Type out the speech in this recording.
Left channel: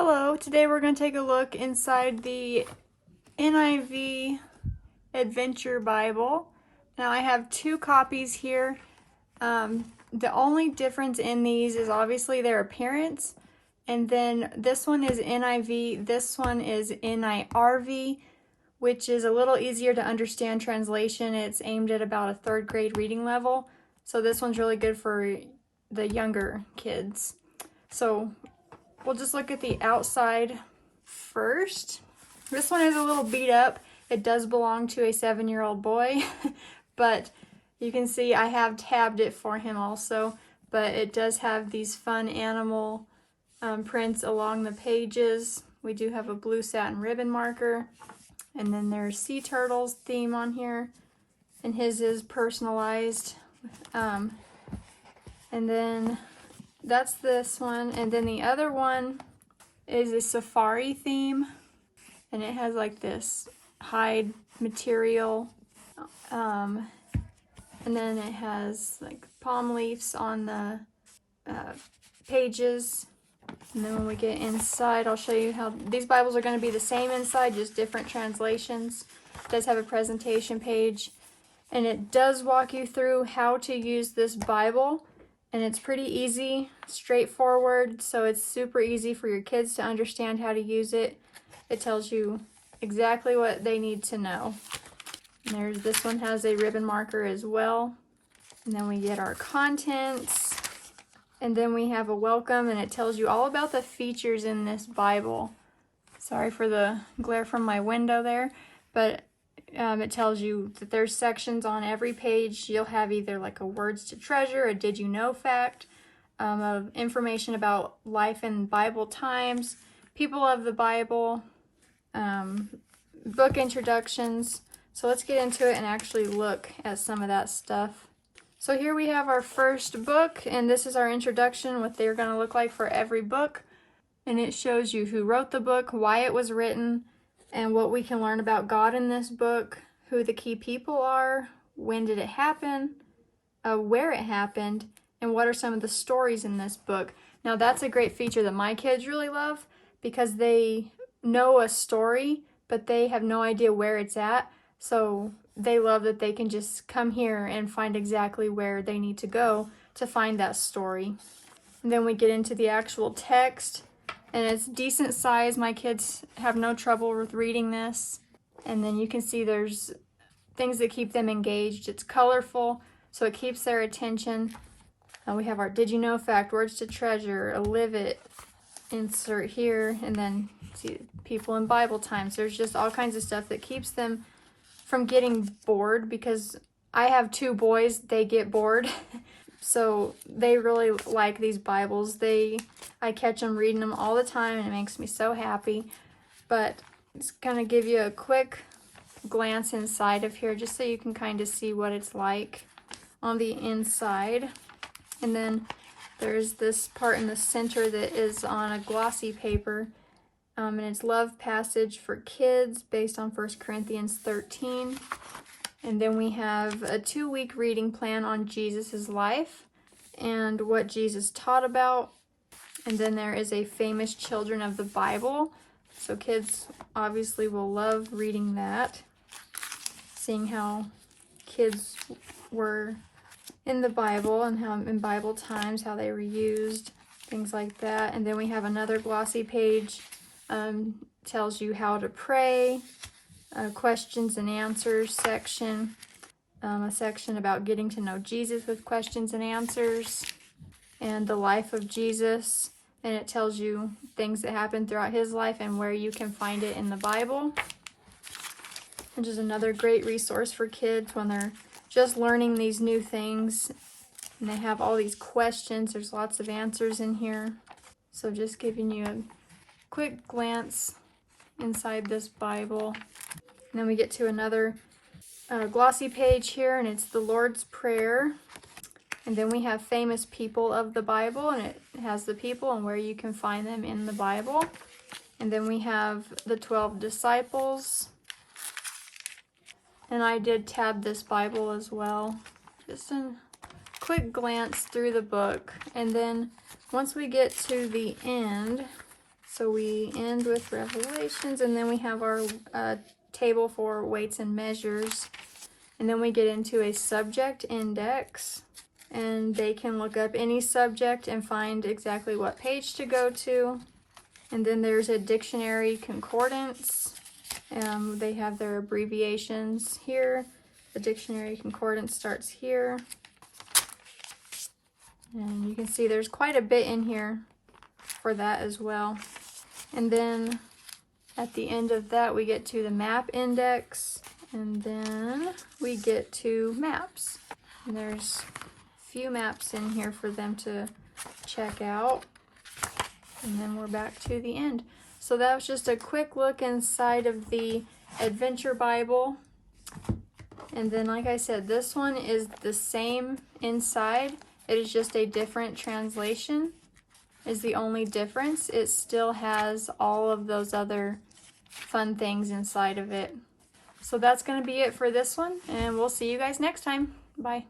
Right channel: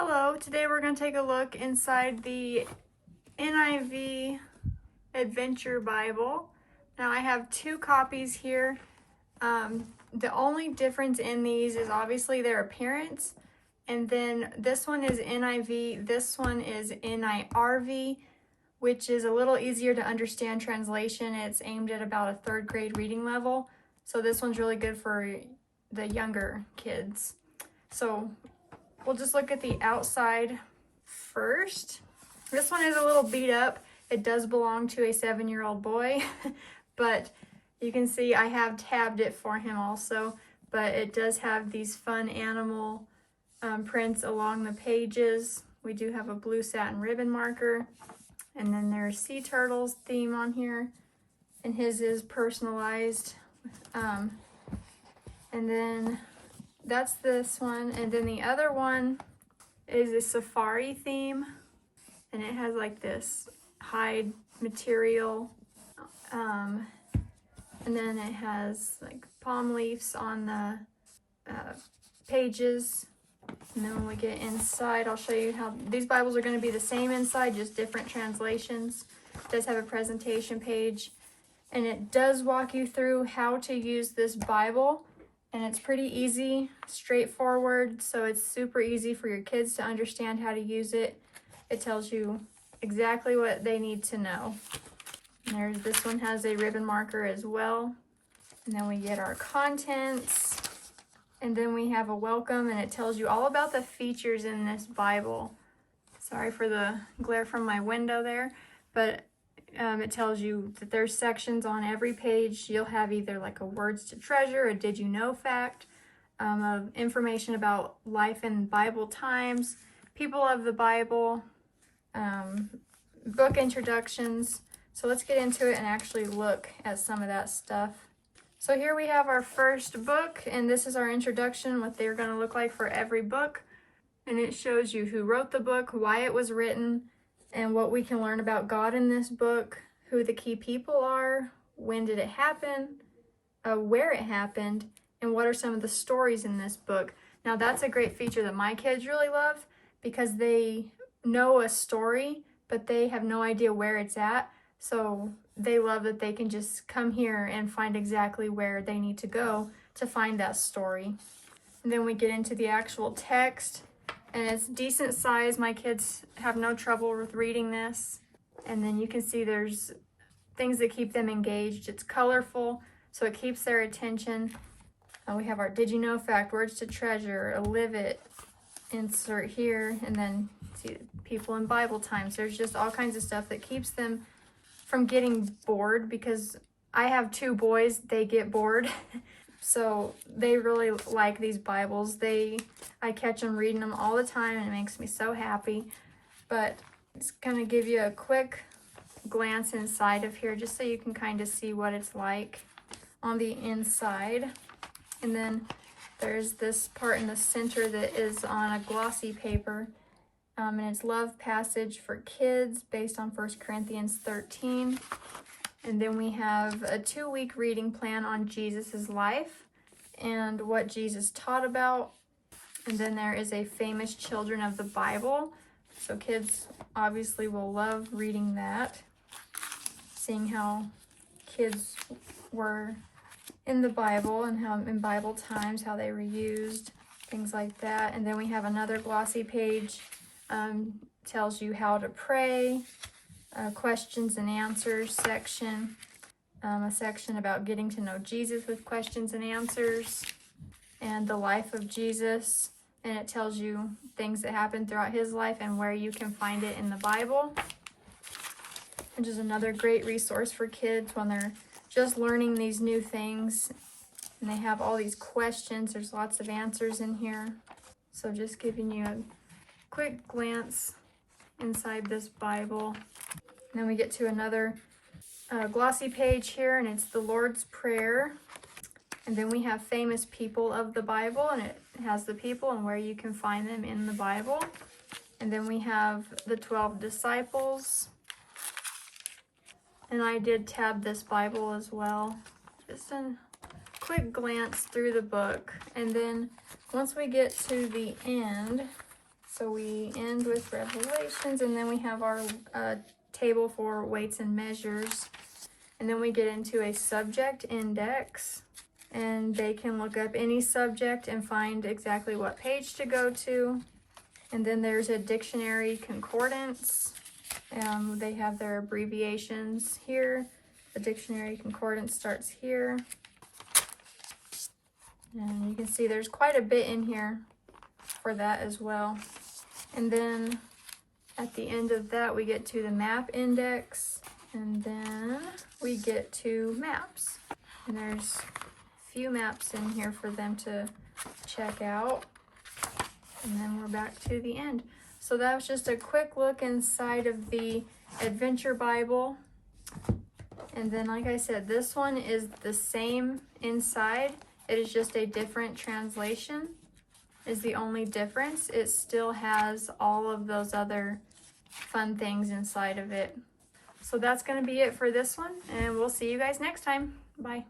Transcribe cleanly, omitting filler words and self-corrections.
Hello, today we're going to take a look inside the NIV Adventure Bible. Now I have two copies here. The only difference in these is obviously their appearance, and then this one is NIV, this one is NIRV, which is a little easier to understand translation. It's aimed at about a third grade reading level, so this one's really good for the younger kids. So we'll just look at the outside first. This one is a little beat up. It does belong to a 7-year-old boy, but you can see I have tabbed it for him also, but it does have these fun animal prints along the pages. We do have a blue satin ribbon marker, and then there's sea turtles theme on here, and his is personalized. And then that's this one, and then the other one is a safari theme, and it has like this hide material, and then it has like palm leaves on the pages. And then when we get inside, I'll show you how these Bibles are going to be the same inside, just different translations. It does have a presentation page, and it does walk you through how to use this Bible. And it's pretty easy, straightforward, so it's super easy for your kids to understand how to use it. It tells you exactly what they need to know. And this one has a ribbon marker as well. And then we get our contents. And then we have a welcome, and it tells you all about the features in this Bible. Sorry for the glare from my window there, but it tells you that there's sections on every page. You'll have either like a words to treasure, a did you know fact, of information about life in Bible times, people of the Bible, book introductions. So let's get into it and actually look at some of that stuff. So here we have our first book, and this is our introduction, what they're going to look like for every book. And it shows you who wrote the book, why it was written, and what we can learn about God in this book, who the key people are, when did it happen, where it happened, and what are some of the stories in this book. Now that's a great feature that my kids really love, because they know a story, but they have no idea where it's at. So they love that they can just come here and find exactly where they need to go to find that story. And then we get into the actual text. And it's decent size. My kids have no trouble with reading this. And then you can see there's things that keep them engaged. It's colorful, so it keeps their attention. And we have our did you know fact, words to treasure, a live it, insert here, and then see people in Bible times. There's just all kinds of stuff that keeps them from getting bored, because I have 2 boys, they get bored. So they really like these Bibles. I catch them reading them all the time, and it makes me so happy. But it's going to give you a quick glance inside of here, just so you can kind of see what it's like on the inside. And then there's this part in the center that is on a glossy paper, and it's love passage for kids based on 1 Corinthians 13. And then we have a 2-week reading plan on Jesus's life and what Jesus taught about. And then there is a famous children of the Bible. So kids obviously will love reading that, seeing how kids were in the Bible and how in Bible times, how they were used, things like that. And then we have another glossy page, tells you how to pray, questions and answers section, a section about getting to know Jesus with questions and answers, and the life of Jesus. And it tells you things that happened throughout his life and where you can find it in the Bible, which is another great resource for kids when they're just learning these new things. And they have all these questions. There's lots of answers in here. So just giving you a quick glance inside this Bible. And then we get to another glossy page here, and it's the Lord's Prayer. And then we have famous people of the Bible, and it has the people and where you can find them in the Bible. And then we have the 12 disciples. And I did tab this Bible as well. Just a quick glance through the book. And then once we get to the end, So we end with Revelations, and then we have our table for weights and measures. And then we get into a subject index, and they can look up any subject and find exactly what page to go to. And then there's a dictionary concordance. They have their abbreviations here. The dictionary concordance starts here. And you can see there's quite a bit in here for that as well. And then at the end of that, we get to the map index, and then we get to maps. And there's a few maps in here for them to check out. And then we're back to the end. So that was just a quick look inside of the Adventure Bible. And then, like I said, this one is the same inside. It is just a different translation is the only difference. It still has all of those other fun things inside of it. So that's going to be it for this one, and we'll see you guys next time. Bye.